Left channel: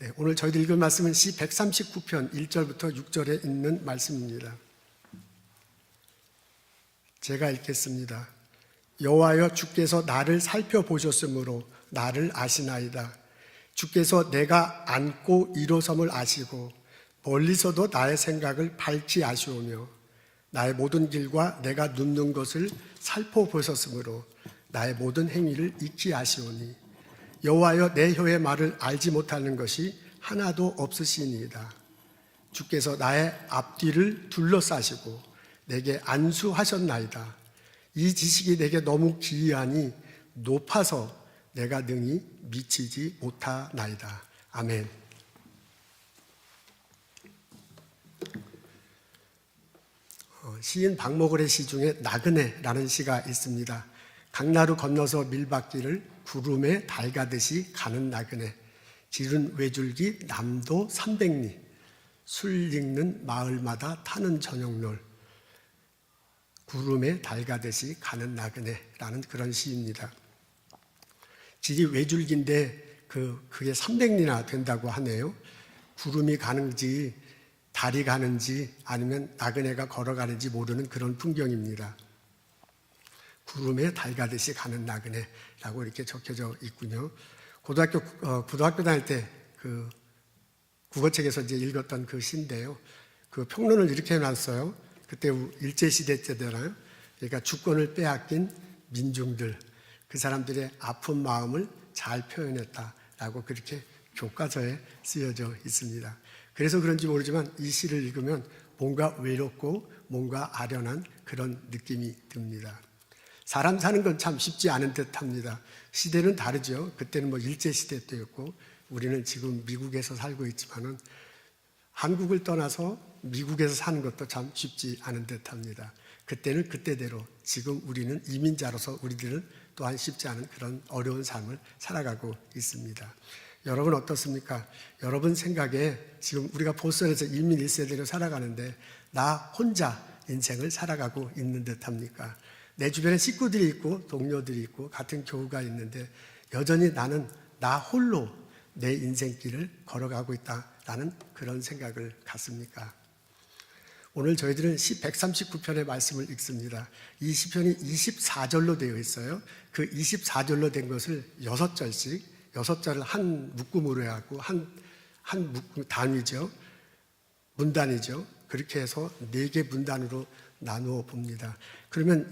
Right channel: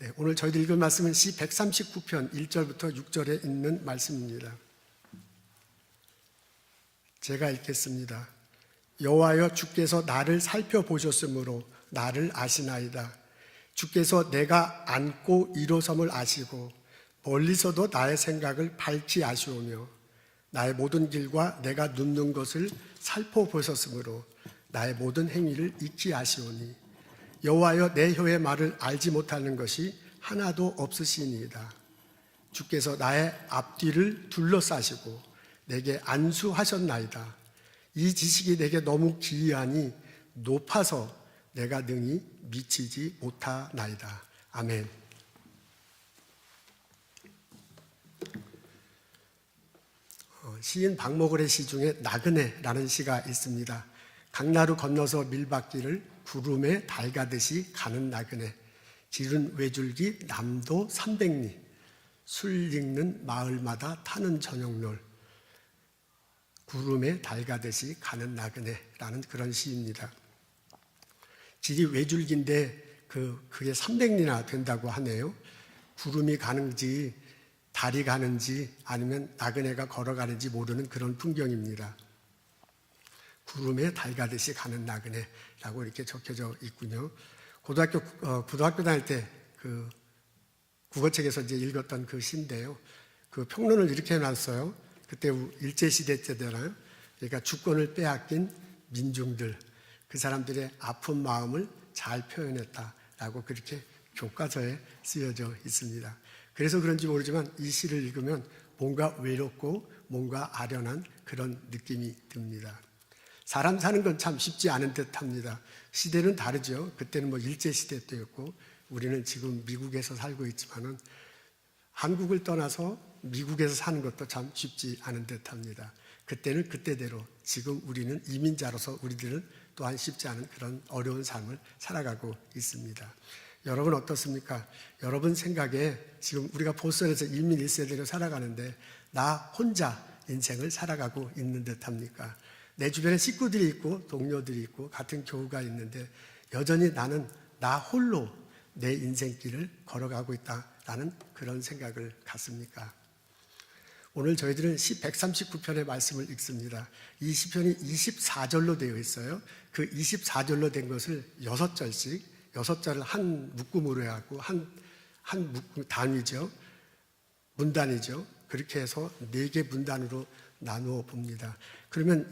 네, 오늘 저희들 읽은 말씀은 시 139편 1절부터 6절에 있는 말씀입니다. 제가 읽겠습니다. 여호와여, 주께서 나를 살펴보셨으므로 나를 아시나이다. 주께서 내가 앉고 일어섬을 아시고 멀리서도 나의 생각을 밝히 아시오며 나의 모든 길과 내가 눕는 것을 살펴보셨으므로 나의 모든 행위를 익히 아시오니 여호와여, 내 혀의 말을 알지 못하는 것이 하나도 없으시니이다. 주께서 나의 앞뒤를 둘러싸시고 내게 안수하셨나이다. 이 지식이 내게 너무 기이하니 높아서 내가 능히 미치지 못하나이다. 아멘. 시인 박목월의 시 중에 나그네라는 시가 있습니다. 강나루 건너서 밀밭길을 구름에 달 가듯이 가는 나그네, 지른 외줄기 남도 300리, 술 읽는 마을마다 타는 저녁놀, 구름에 달 가듯이 가는 나그네라는 그런 시입니다. 길이 외줄기인데 그게 300리나 된다고 하네요. 구름이 가는지 달이 가는지 아니면 나그네가 걸어가는지 모르는 그런 풍경입니다. 구름에 달 가듯이 가는 나그네라고 이렇게 적혀져 있군요. 고등학교 다닐 때 그 국어책에서 이제 읽었던 그 시인데요. 그 평론을 이렇게 해놨어요. 그때 일제시대 때잖아요. 그러니까 주권을 빼앗긴 민중들, 그 사람들의 아픈 마음을 잘 표현했다라고 그렇게 교과서에 쓰여져 있습니다. 그래서 그런지 모르지만 이 시를 읽으면 뭔가 외롭고 뭔가 아련한 그런 느낌이 듭니다. 사람 사는 건 참 쉽지 않은 듯합니다. 시대는 다르죠. 그때는 일제시대 때였고 우리는 지금 미국에서 살고 있지만은 한국을 떠나서 미국에서 사는 것도 참 쉽지 않은 듯합니다. 그때는 그때대로, 지금 우리는 이민자로서 우리들은 또한 쉽지 않은 그런 어려운 삶을 살아가고 있습니다. 여러분 어떻습니까? 여러분 생각에 지금 우리가 보선에서 이민 1세대로 살아가는데 나 혼자 인생을 살아가고 있는 듯합니까? 내 주변에 식구들이 있고 동료들이 있고 같은 교우가 있는데 여전히 나는 나 홀로 내 인생길을 걸어가고 있다라는 그런 생각을 갖습니까? 오늘 저희들은 시 139편의 말씀을 읽습니다. 이 시편이 24절로 되어 있어요. 그 24절로 된 것을 6절씩, 6절을 한 묶음으로 해갖고 한 묶음 단위죠. 문단이죠. 그렇게 해서 4개 문단으로 나누어 봅니다. 그러면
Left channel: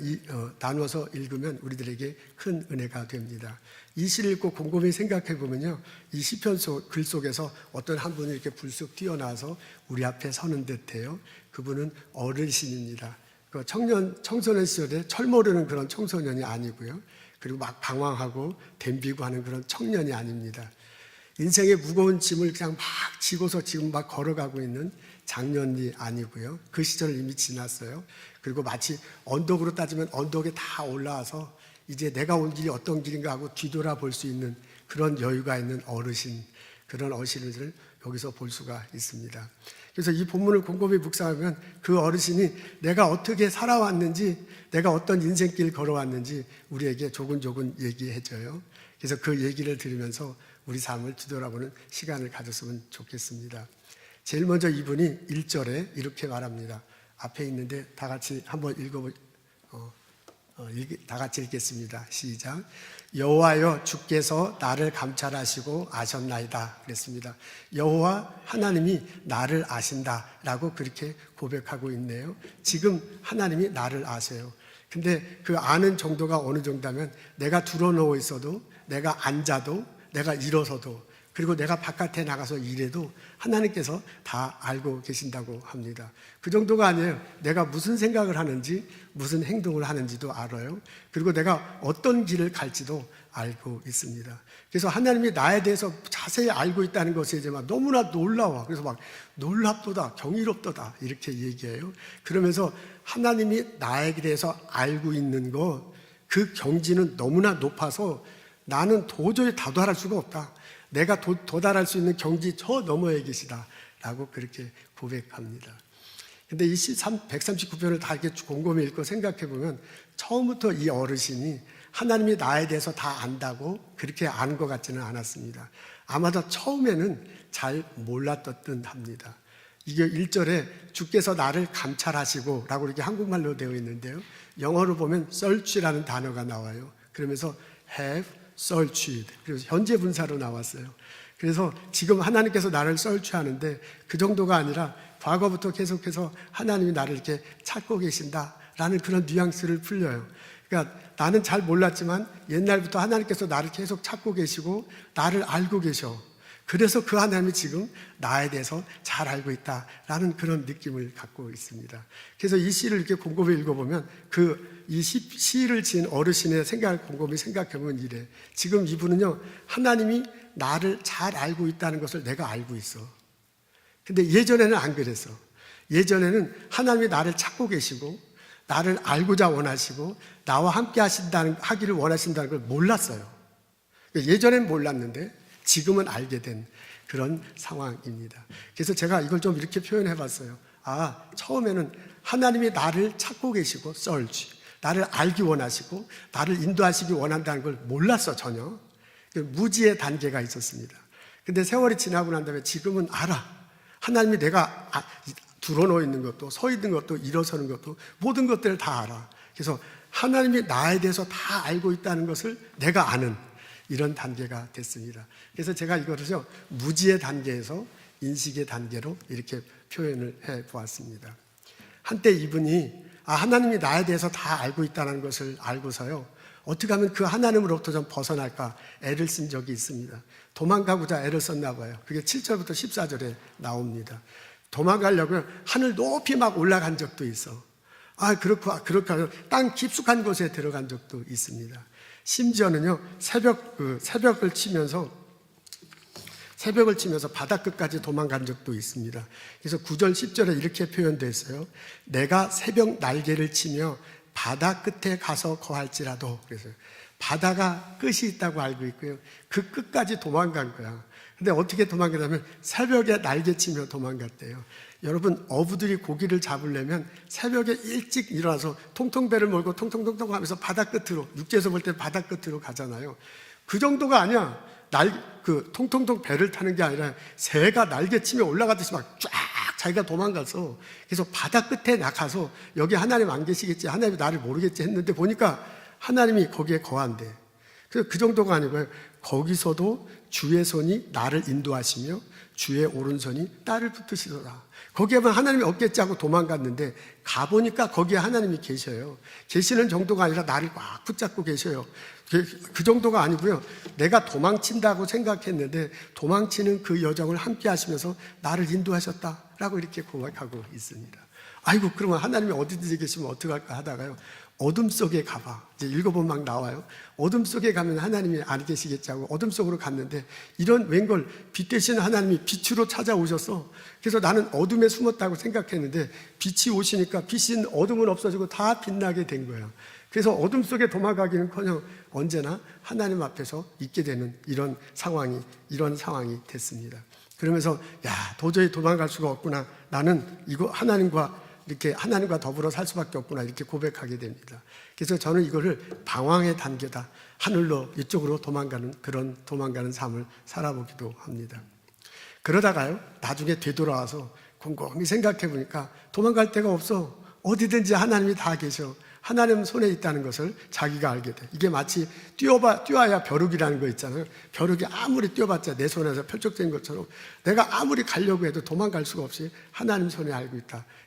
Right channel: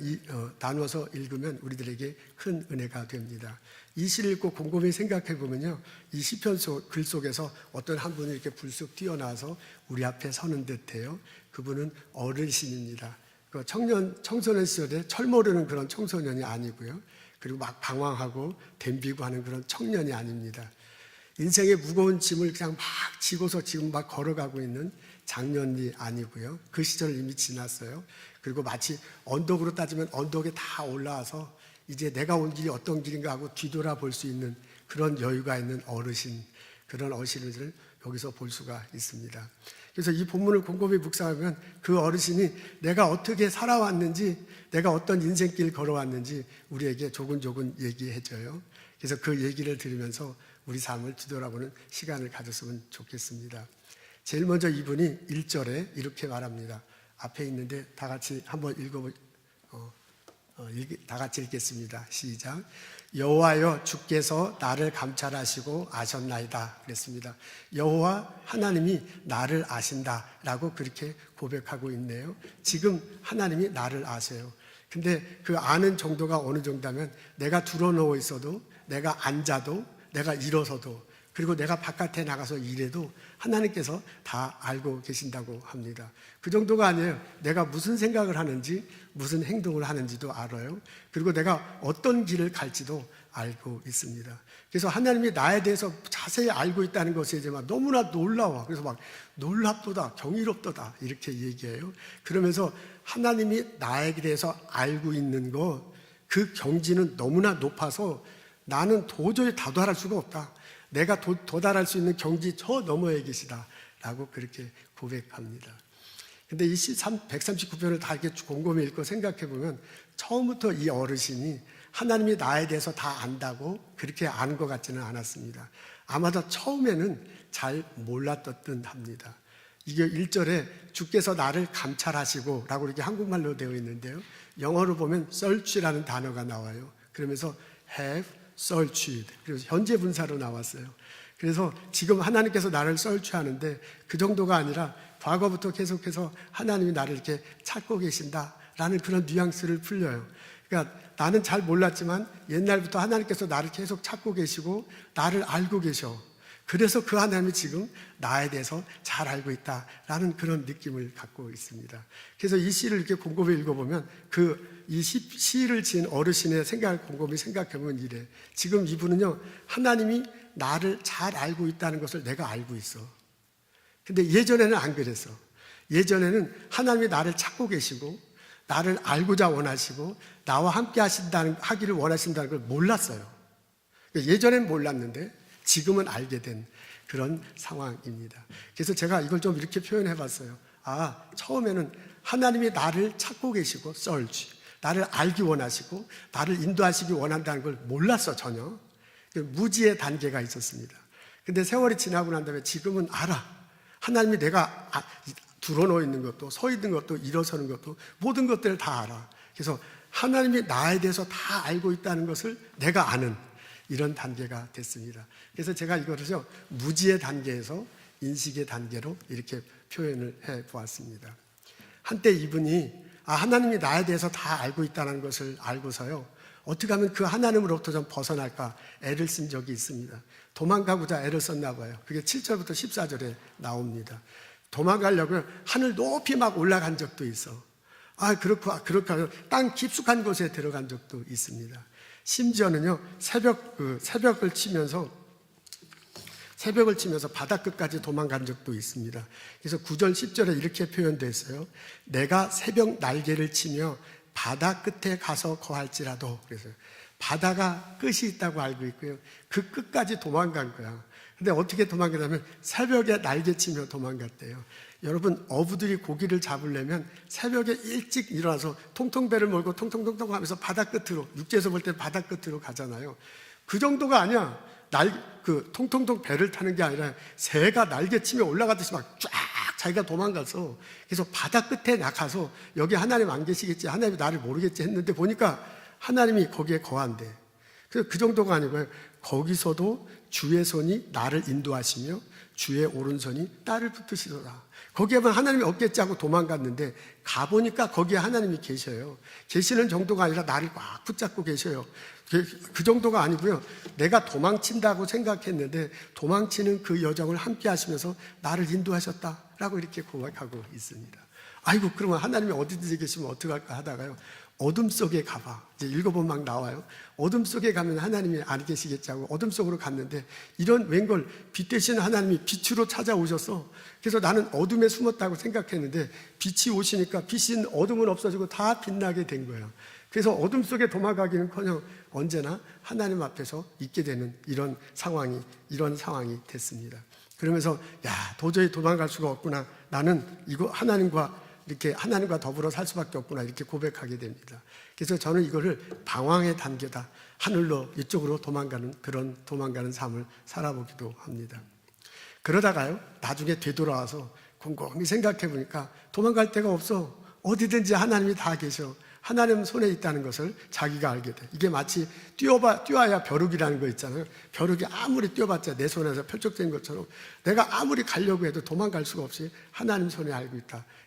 나누어서 읽으면 우리들에게 큰 은혜가 됩니다. 이 시를 읽고 곰곰이 생각해 보면요, 이 시편 글 속에서 어떤 한 분이 이렇게 불쑥 뛰어나와서 우리 앞에 서는 듯해요. 그분은 어르신입니다. 청소년 시절에 철 모르는 그런 청소년이 아니고요. 그리고 막 방황하고 덤비고 하는 그런 청년이 아닙니다. 인생의 무거운 짐을 그냥 막 지고서 지금 막 걸어가고 있는 장년이 아니고요. 그 시절을 이미 지났어요. 그리고 마치 언덕으로 따지면 언덕에 다 올라와서 이제 내가 온 길이 어떤 길인가 하고 뒤돌아볼 수 있는 그런 여유가 있는 어르신, 그런 어르신을 여기서 볼 수가 있습니다. 그래서 이 본문을 곰곰이 묵상하면 그 어르신이 내가 어떻게 살아왔는지, 내가 어떤 인생길 걸어왔는지 우리에게 조근조근 얘기해줘요. 그래서 그 얘기를 들으면서 우리 삶을 뒤돌아보는 시간을 가졌으면 좋겠습니다. 제일 먼저 이분이 1절에 이렇게 말합니다. 앞에 있는데 다 같이 한번 다 같이 읽겠습니다. 시작. 여호와여, 주께서 나를 감찰하시고 아셨나이다 그랬습니다. 여호와 하나님이 나를 아신다라고 그렇게 고백하고 있네요. 지금 하나님이 나를 아세요. 근데 그 아는 정도가 어느 정도면 내가 드러누워 있어도, 내가 앉아도, 내가 일어서도, 그리고 내가 바깥에 나가서 일해도 하나님께서 다 알고 계신다고 합니다. 그 정도가 아니에요. 내가 무슨 생각을 하는지, 무슨 행동을 하는지도 알아요. 그리고 내가 어떤 길을 갈지도 알고 있습니다. 그래서 하나님이 나에 대해서 자세히 알고 있다는 것에 이제 막 너무나 놀라워. 그래서 막 놀랍도다, 경이롭도다 이렇게 얘기해요. 그러면서 하나님이 나에 대해서 알고 있는 것, 그 경지는 너무나 높아서 나는 도저히 다도할 수가 없다. 내가 도달할 수 있는 경지 저 너머에 계시다라고 그렇게 고백합니다. 근데 이 139편을 다 이렇게 곰곰이 읽고 생각해 보면 처음부터 이 어르신이 하나님이 나에 대해서 다 안다고 그렇게 아는 것 같지는 않았습니다. 아마도 처음에는 잘 몰랐던 합니다. 이게 1절에 주께서 나를 감찰하시고 라고 이렇게 한국말로 되어 있는데요. 영어로 보면 search라는 단어가 나와요. 그러면서 have searched. 그래서 현재 분사로 나왔어요. 그래서 지금 하나님께서 나를 search하는데 그 정도가 아니라 과거부터 계속해서 하나님이 나를 이렇게 찾고 계신다라는 그런 뉘앙스를 풀려요. 그러니까 나는 잘 몰랐지만 옛날부터 하나님께서 나를 계속 찾고 계시고 나를 알고 계셔. 그래서 그 하나님이 지금 나에 대해서 잘 알고 있다라는 그런 느낌을 갖고 있습니다. 그래서 이 시를 이렇게 곰곰이 읽어보면 이 시를 지은 어르신의 생각을 곰곰이 생각해보면 이래. 지금 이분은요, 하나님이 나를 잘 알고 있다는 것을 내가 알고 있어. 근데 예전에는 안 그랬어. 예전에는 하나님이 나를 찾고 계시고 나를 알고자 원하시고 나와 함께 하기를 원하신다는 걸 몰랐어요. 예전엔 몰랐는데 지금은 알게 된 그런 상황입니다. 그래서 제가 이걸 좀 이렇게 표현해 봤어요. 처음에는 하나님이 나를 찾고 계시고 search, 나를 알기 원하시고 나를 인도하시기 원한다는 걸 몰랐어, 전혀. 무지의 단계가 있었습니다. 근데 세월이 지나고 난 다음에 지금은 알아. 하나님이 내가 드러누워 있는 것도 서 있는 것도 일어서는 것도 모든 것들을 다 알아. 그래서 하나님이 나에 대해서 다 알고 있다는 것을 내가 아는 이런 단계가 됐습니다. 그래서 제가 이거를요, 무지의 단계에서 인식의 단계로 이렇게 표현을 해 보았습니다. 한때 이분이 하나님이 나에 대해서 다 알고 있다는 것을 알고서요, 어떻게 하면 그 하나님으로부터 좀 벗어날까 애를 쓴 적이 있습니다. 도망가고자 애를 썼나 봐요. 그게 7절부터 14절에 나옵니다. 도망가려고 하늘 높이 막 올라간 적도 있어. 그렇게 하면 땅 깊숙한 곳에 들어간 적도 있습니다. 심지어는요, 새벽을 치면서 바다 끝까지 도망간 적도 있습니다. 그래서 9절, 10절에 이렇게 표현되어 있어요. 내가 새벽 날개를 치며 바다 끝에 가서 거할지라도. 그래서 바다가 끝이 있다고 알고 있고요. 그 끝까지 도망간 거야. 근데 어떻게 도망가냐면 새벽에 날개치며 도망갔대요. 여러분, 어부들이 고기를 잡으려면 새벽에 일찍 일어나서 통통 배를 몰고 통통통통 하면서 바다 끝으로, 육지에서 볼 때 바다 끝으로 가잖아요. 그 정도가 아니야. 통통통 배를 타는 게 아니라 새가 날개치며 올라가듯이 막 쫙 자기가 도망가서, 그래서 바다 끝에 나가서 여기 하나님 안 계시겠지, 하나님이 나를 모르겠지 했는데 보니까 하나님이 거기에 거한대. 그 정도가 아니고요. 거기서도 주의 손이 나를 인도하시며 주의 오른손이 나를 붙드시더라. 거기에 보면 하나님이 없겠지 하고 도망갔는데 가보니까 거기에 하나님이 계셔요. 계시는 정도가 아니라 나를 막 붙잡고 계셔요. 그 정도가 아니고요. 내가 도망친다고 생각했는데 도망치는 그 여정을 함께 하시면서 나를 인도하셨다라고 이렇게 고백하고 있습니다. 아이고, 그러면 하나님이 어디든지 계시면 어떡할까 하다가요, 어둠 속에 가봐. 이제 읽어보면 막 나와요. 어둠 속에 가면 하나님이 안 계시겠지 하고 어둠 속으로 갔는데 이런 웬걸 빛 대신 하나님이 빛으로 찾아오셔서, 그래서 나는 어둠에 숨었다고 생각했는데 빛이 오시니까 빛인 어둠은 없어지고 다 빛나게 된 거예요. 그래서 어둠 속에 도망가기는커녕 언제나 하나님 앞에서 있게 되는 이런 상황이 됐습니다. 그러면서 도저히 도망갈 수가 없구나. 나는 하나님과 더불어 살 수밖에 없구나. 이렇게 고백하게 됩니다. 그래서 저는 이거를 방황의 단계다. 하늘로 이쪽으로 도망가는 삶을 살아보기도 합니다. 그러다가요, 나중에 되돌아와서 곰곰이 생각해 보니까 도망갈 데가 없어. 어디든지 하나님이 다 계셔. 하나님 손에 있다는 것을 자기가 알게 돼. 이게 마치 뛰어야 벼룩이라는 거 있잖아요. 벼룩이 아무리 뛰어봤자 내 손에서 펼쳐진 것처럼 내가 아무리 가려고 해도 도망갈 수가 없이 하나님 손에 알고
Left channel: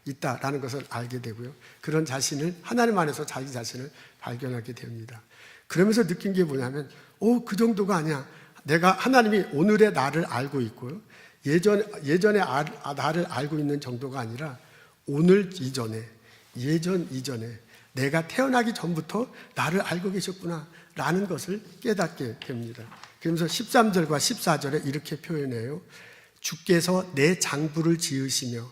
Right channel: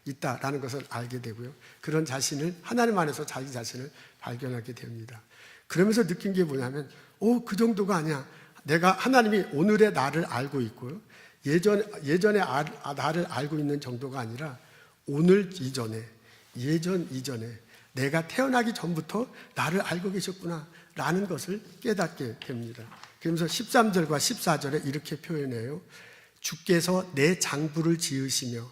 있다라는 것을 알게 되고요. 그런 자신을, 하나님 안에서 자기 자신을 발견하게 됩니다. 그러면서 느낀 게 뭐냐면, 그 정도가 아니야. 하나님이 오늘의 나를 알고 있고요. 예전에 나를 알고 있는 정도가 아니라 오늘 이전에, 예전 이전에 내가 태어나기 전부터 나를 알고 계셨구나 라는 것을 깨닫게 됩니다. 그러면서 13절과 14절에 이렇게 표현해요. 주께서 내 장부를 지으시며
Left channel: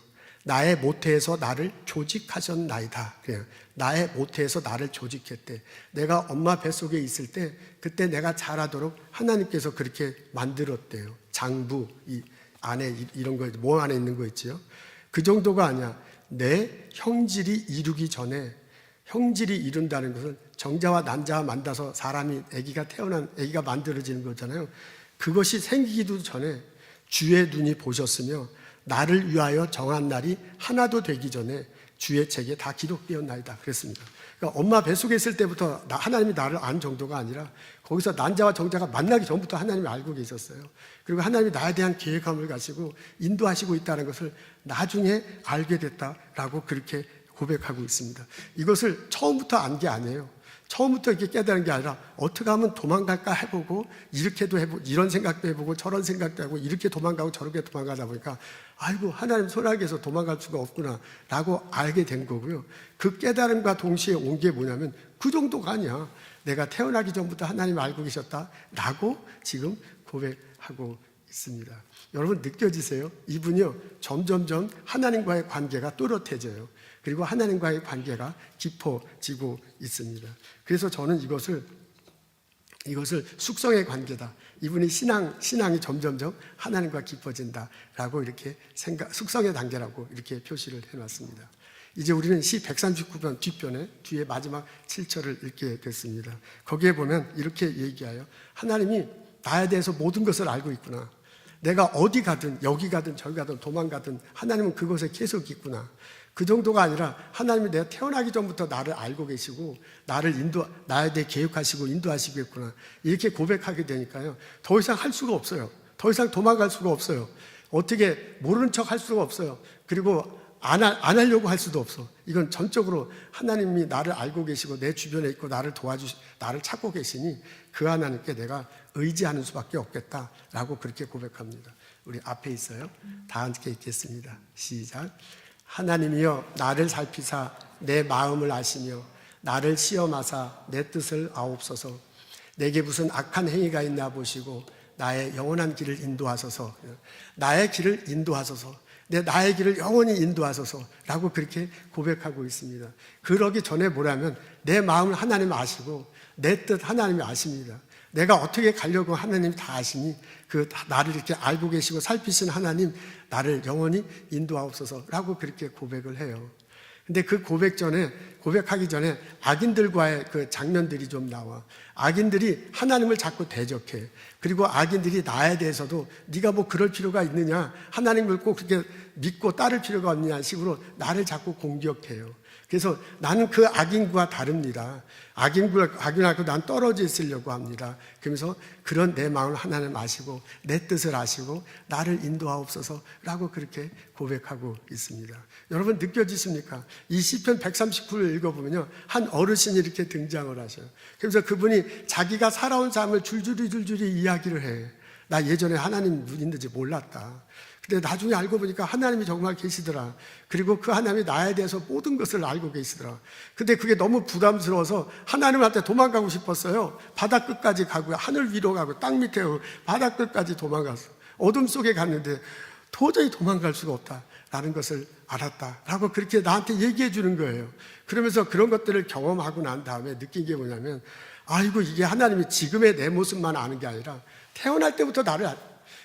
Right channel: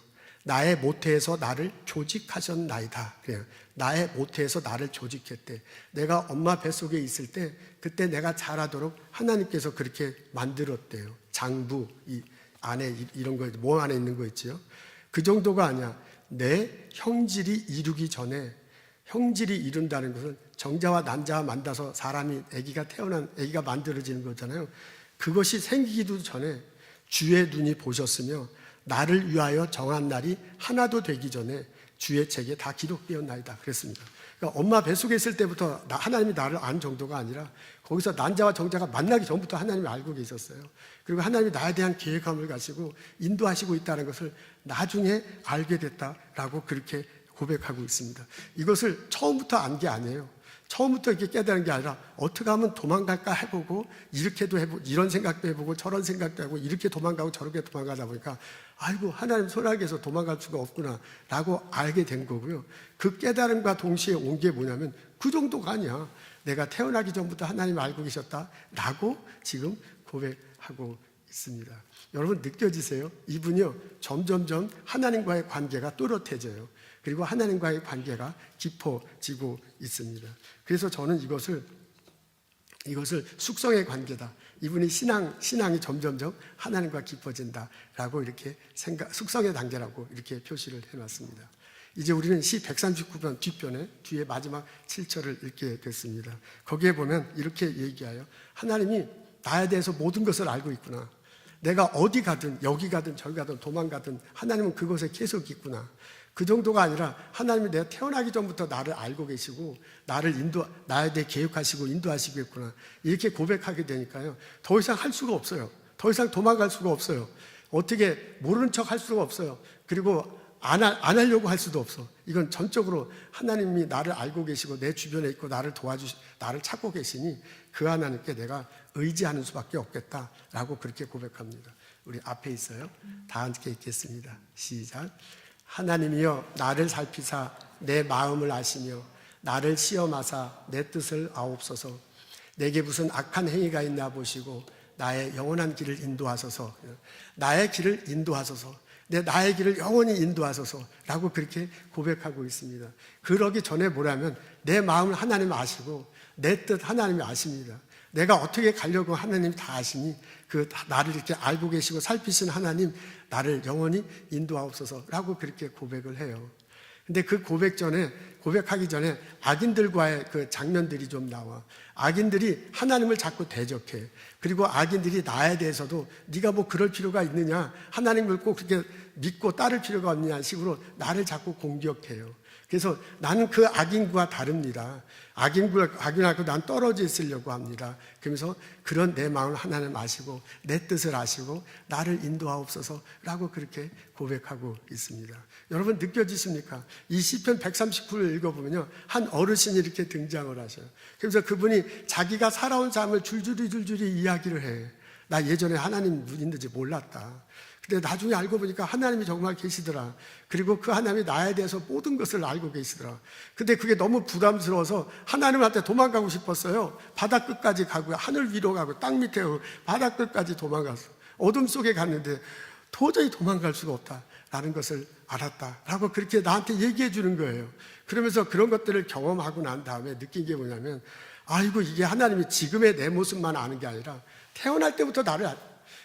나의 모태에서 나를 조직하셨나이다. 그래요. 나의 모태에서 나를 조직했대. 내가 엄마 뱃속에 있을 때 그때 내가 자라도록 하나님께서 그렇게 만들었대요. 장부, 이 안에 이런 거, 몸 안에 있는 거 있지요. 그 정도가 아니야. 내 형질이 이루기 전에 형질이 이룬다는 것은 정자와 난자와 만나서 사람이 아기가 만들어지는 거잖아요. 그것이 생기기도 전에 주의 눈이 보셨으며 나를 위하여 정한 날이 하나도 되기 전에 주의 책에 다 기록되었나이다. 그랬습니다. 그러니까 엄마 뱃속에 있을 때부터 하나님이 나를 안 정도가 아니라 거기서 난자와 정자가 만나기 전부터 하나님이 알고 계셨어요. 그리고 하나님이 나에 대한 계획감을 가지고 인도하시고 있다는 것을 나중에 알게 됐다라고 그렇게 고백하고 있습니다. 이것을 처음부터 안 게 아니에요. 처음부터 이렇게 깨달은 게 아니라 어떻게 하면 도망갈까 해보고 이렇게도 해보고 이런 생각도 해보고 저런 생각도 하고 이렇게 도망가고 저렇게 도망가다 보니까 아이고 하나님 손아귀에서 도망갈 수가 없구나 라고 알게 된 거고요. 그 깨달음과 동시에 온 게 뭐냐면 그 정도가 아니야. 내가 태어나기 전부터 하나님 알고 계셨다라고 지금 고백하고 있습니다. 여러분 느껴지세요? 이분이요 점점점 하나님과의 관계가 또렷해져요. 그리고 하나님과의 관계가 깊어지고 있습니다. 그래서 저는 이것을 숙성의 관계다. 이분이 신앙이 점점점 하나님과 깊어진다라고 이렇게 숙성의 단계라고 이렇게 표시를 해놨습니다. 이제 우리는 시 139편 뒷편에 뒤에 마지막 7절을 읽게 됐습니다. 거기에 보면 이렇게 얘기하여 하나님이 나에 대해서 모든 것을 알고 있구나. 내가 어디 가든 여기 가든 저기 가든 도망가든 하나님은 그곳에 계속 있구나. 그 정도가 아니라 하나님이 내가 태어나기 전부터 나를 알고 계시고 나에 대해 계획하시고 인도하시겠구나. 이렇게 고백하게 되니까요. 더 이상 할 수가 없어요. 더 이상 도망갈 수가 없어요. 어떻게 모르는 척 할 수가 없어요. 그리고 안 하려고 할 수도 없어. 이건 전적으로 하나님이 나를 알고 계시고 내 주변에 있고 나를 찾고 계시니 그 하나님께 내가 의지하는 수밖에 없겠다라고 그렇게 고백합니다. 우리 앞에 있어요. 다 함께 읽겠습니다. 시작. 하나님이여 나를 살피사 내 마음을 아시며 나를 시험하사 내 뜻을 아옵소서. 내게 무슨 악한 행위가 있나 보시고 나의 영원한 길을 인도하소서. 나의 길을 인도하소서. 나의 길을 영원히 인도하소서라고 그렇게 고백하고 있습니다. 그러기 전에 뭐라면 내 마음을 하나님 아시고 내 뜻 하나님이 아십니다. 내가 어떻게 가려고 하나님 다 아시니 나를 이렇게 알고 계시고 살피신 하나님 나를 영원히 인도하옵소서라고 그렇게 고백을 해요. 근데 그 고백하기 전에 악인들과의 그 장면들이 좀 나와. 악인들이 하나님을 자꾸 대적해. 그리고 악인들이 나에 대해서도 네가 뭐 그럴 필요가 있느냐, 하나님을 꼭 그렇게 믿고 따를 필요가 없느냐 식으로 나를 자꾸 공격해요. 그래서 나는 그 악인과 다릅니다. 악인하고 난 떨어져 있으려고 합니다. 그러면서 그런 내 마음을 하나님 아시고 내 뜻을 아시고 나를 인도하옵소서라고 그렇게 고백하고 있습니다. 여러분 느껴지십니까? 이 시편 139를 읽어보면요, 한 어르신이 이렇게 등장을 하셔요. 그래서 그분이 자기가 살아온 삶을 줄줄이 이야기를 해. 나 예전에 하나님 있는지 몰랐다. 근데 나중에 알고 보니까 하나님이 정말 계시더라. 그리고 그 하나님이 나에 대해서 모든 것을 알고 계시더라. 근데 그게 너무 부담스러워서 하나님한테 도망가고 싶었어요. 바다 끝까지 가고 하늘 위로 가고 땅 밑에 가고 바다 끝까지 도망갔어. 어둠 속에 갔는데 도저히 도망갈 수가 없다라는 것을 알았다라고 그렇게 나한테 얘기해 주는 거예요. 그러면서 그런 것들을 경험하고 난 다음에 느낀 게 뭐냐면, 아이고 이게 하나님이 지금의 내 모습만 아는 게 아니라 태어날 때부터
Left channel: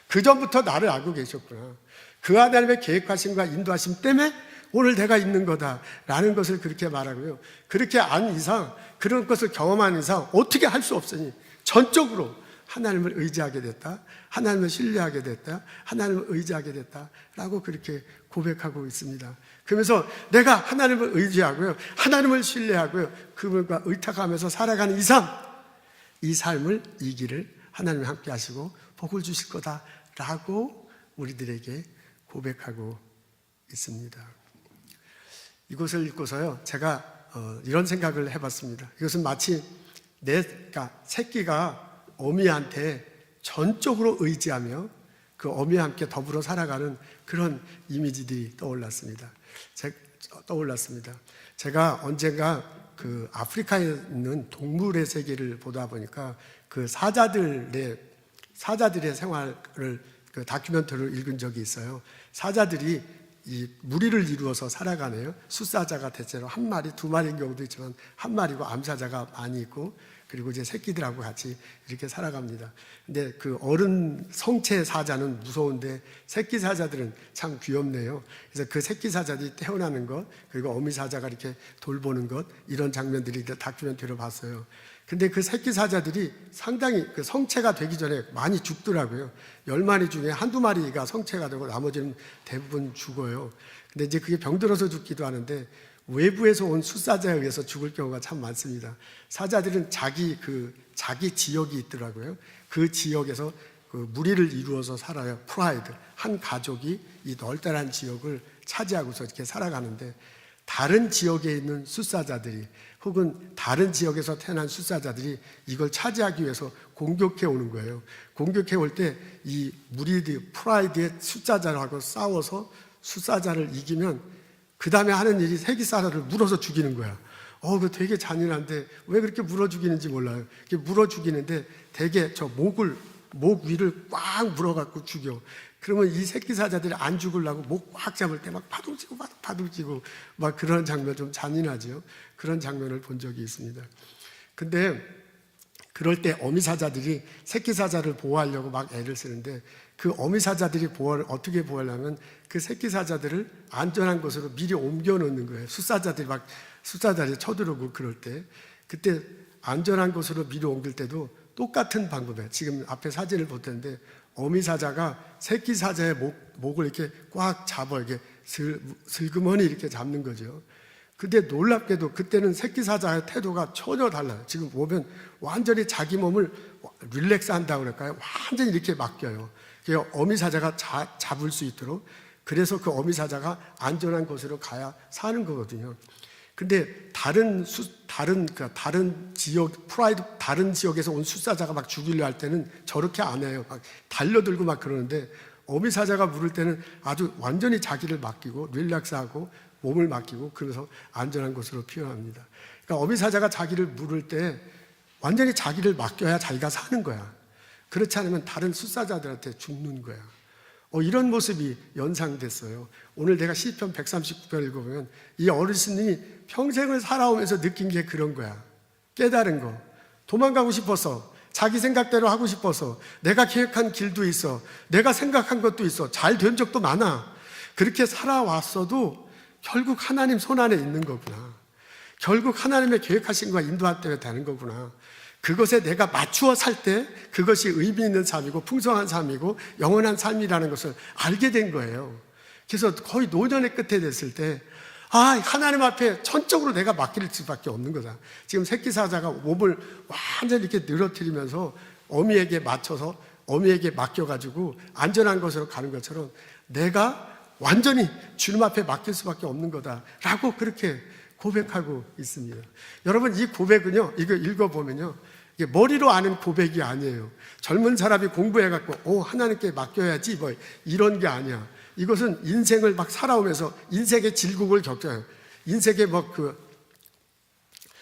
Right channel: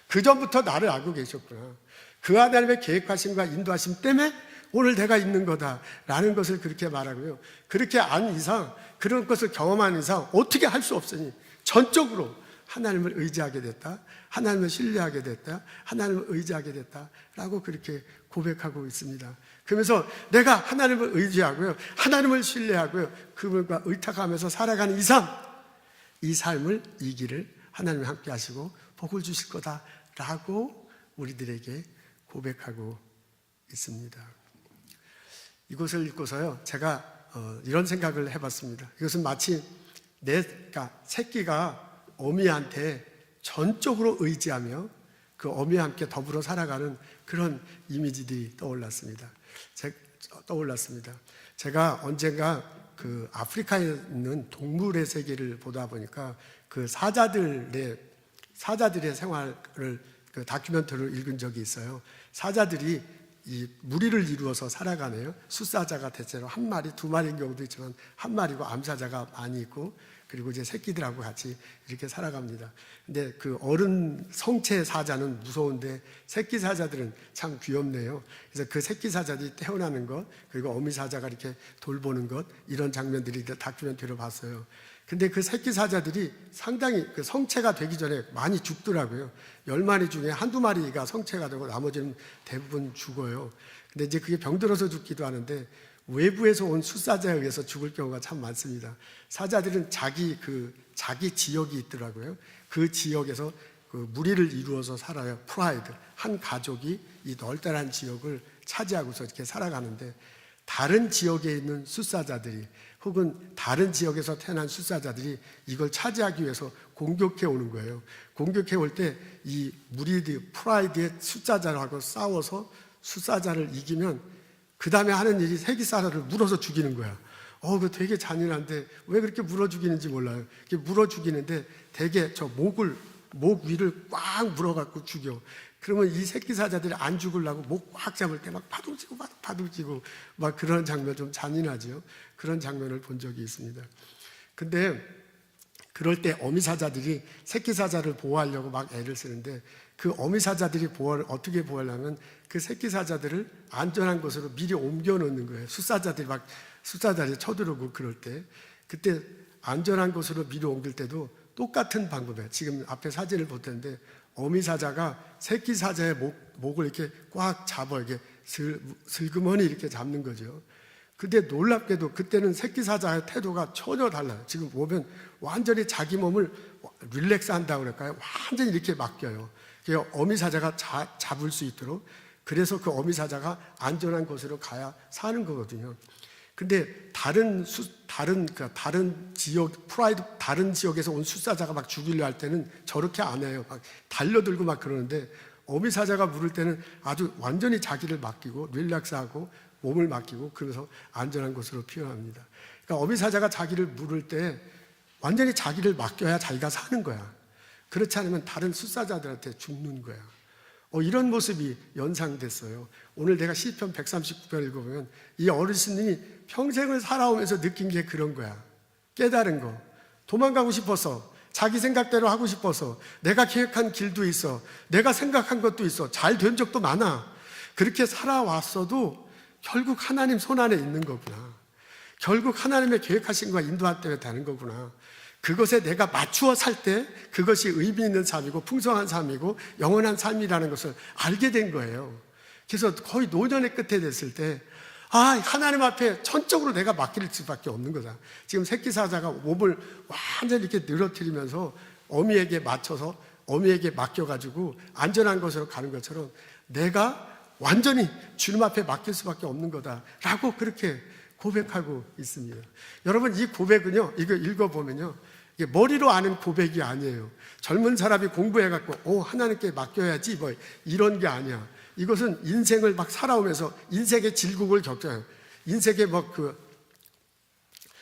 그 전부터 나를 알고 계셨구나. 그 하나님의 계획하심과 인도하심 때문에 오늘 내가 있는 거다라는 것을 그렇게 말하고요. 그렇게 안 이상, 그런 것을 경험한 이상 어떻게 할 수 없으니 전적으로 하나님을 의지하게 됐다. 하나님을 신뢰하게 됐다. 하나님을 의지하게 됐다라고 그렇게 고백하고 있습니다. 그러면서 내가 하나님을 의지하고요. 하나님을 신뢰하고요. 그분과 의탁하면서 살아가는 이 삶을 이 길을 하나님이 함께 하시고 복을 주실 거다라고 우리들에게 고백하고 있습니다. 이것을 읽고서요, 제가 이런 생각을 해봤습니다. 이것은 마치 새끼가 어미한테 전적으로 의지하며 그 어미와 함께 더불어 살아가는 그런 이미지들이 떠올랐습니다. 제가 언젠가 그 아프리카에 있는 동물의 세계를 보다 보니까 그 사자들의 생활을 그 다큐멘터리를 읽은 적이 있어요. 사자들이 이 무리를 이루어서 살아가네요. 숫사자가 대체로 한 마리, 두 마리인 경우도 있지만 한 마리고 암사자가 많이 있고, 그리고 이제 새끼들하고 같이 이렇게 살아갑니다. 근데 그 어른 성체 사자는 무서운데 새끼 사자들은 참 귀엽네요. 그래서 그 새끼 사자들이 태어나는 것, 그리고 어미 사자가 이렇게 돌보는 것, 이런 장면들이 다큐멘터리로 봤어요. 근데 그 새끼 사자들이 상당히 그 성체가 되기 전에 많이 죽더라고요. 10마리 중에 한두 마리가 성체가 되고 나머지는 대부분 죽어요. 근데 이제 그게 병들어서 죽기도 하는데 외부에서 온 숫사자에 의해서 죽을 경우가 참 많습니다. 사자들은 자기 지역이 있더라고요. 그 지역에서 그 무리를 이루어서 살아요. 프라이드. 한 가족이 이 널따란 지역을 차지하고서 이렇게 살아가는데 다른 지역에 있는 숫사자들이 혹은 다른 지역에서 태어난 숫사자들이 이걸 차지하기 위해서 공격해 오는 거예요. 공격해 올 때 이 무리들, 프라이드의 숫사자하고 싸워서 숫사자를 이기면 그 다음에 하는 일이 새끼 사자를 물어서 죽이는 거야. 그거 되게 잔인한데 왜 그렇게 물어 죽이는지 몰라요. 이렇게 물어 죽이는데 되게 목 위를 꽉 물어갖고 죽여. 그러면 이 새끼 사자들이 안 죽으려고 목 꽉 잡을 때 막 파둥치고 막 그런 장면 좀 잔인하죠. 그런 장면을 본 적이 있습니다. 근데 그럴 때 어미 사자들이 새끼 사자를 보호하려고 막 애를 쓰는데 그 어미 사자들이 어떻게 보호하려면 그 새끼 사자들을 안전한 곳으로 미리 옮겨 놓는 거예요. 숫사자들이 쳐들어오고 그럴 때. 그때 안전한 곳으로 미리 옮길 때도 똑같은 방법이에요. 지금 앞에 사진을 볼 텐데 어미 사자가 새끼 사자의 목을 이렇게 꽉 잡아 이렇게 슬그머니 이렇게 잡는 거죠. 근데 놀랍게도 그때는 새끼 사자의 태도가 전혀 달라요. 지금 보면 완전히 자기 몸을 릴렉스 한다고 그럴까요? 완전히 이렇게 맡겨요. 어미 사자가 잡을 수 있도록. 그래서 그 어미 사자가 안전한 곳으로 가야 사는 거거든요. 근데 다른 지역에서 온 숫사자가 막 죽이려 할 때는 저렇게 안 해요. 막 달려들고 막 그러는데 어미 사자가 물을 때는 아주 완전히 자기를 맡기고 릴렉스하고 몸을 맡기고 그래서 안전한 곳으로 피어납니다. 그러니까 어미 사자가 자기를 물을 때 완전히 자기를 맡겨야 자기가 사는 거야. 그렇지 않으면 다른 숫사자들한테 죽는 거야. 이런 모습이 연상됐어요. 오늘 내가 시편 139편을 읽어보면 이 어르신이 평생을 살아오면서 느낀 게 그런 거야. 깨달은 거. 도망가고 싶어서, 자기 생각대로 하고 싶어서, 내가 계획한 길도 있어, 내가 생각한 것도 있어, 잘 된 적도 많아. 그렇게 살아왔어도 결국 하나님 손 안에 있는 거구나. 결국 하나님의 계획하신 것과 인도할 때문에 되는 거구나. 그것에 내가 맞추어 살 때 그것이 의미 있는 삶이고 풍성한 삶이고 영원한 삶이라는 것을 알게 된 거예요. 그래서 거의 노년의 끝에 됐을 때 하나님 앞에 전적으로 내가 맡길 수밖에 없는 거다. 지금 새끼 사자가 몸을 완전히 이렇게 늘어뜨리면서 어미에게 맞춰서 어미에게 맡겨가지고 안전한 곳으로 가는 것처럼 내가 완전히 주님 앞에 맡길 수밖에 없는 거다라고 그렇게 고백하고 있습니다. 여러분 이 고백은요, 이거 읽어보면요, 이게 머리로 아는 고백이 아니에요. 젊은 사람이 공부해갖고 하나님께 맡겨야지 뭐 이런 게 아니야. 이것은 인생을 막 살아오면서 인생의 질곡을 겪어요. 인생의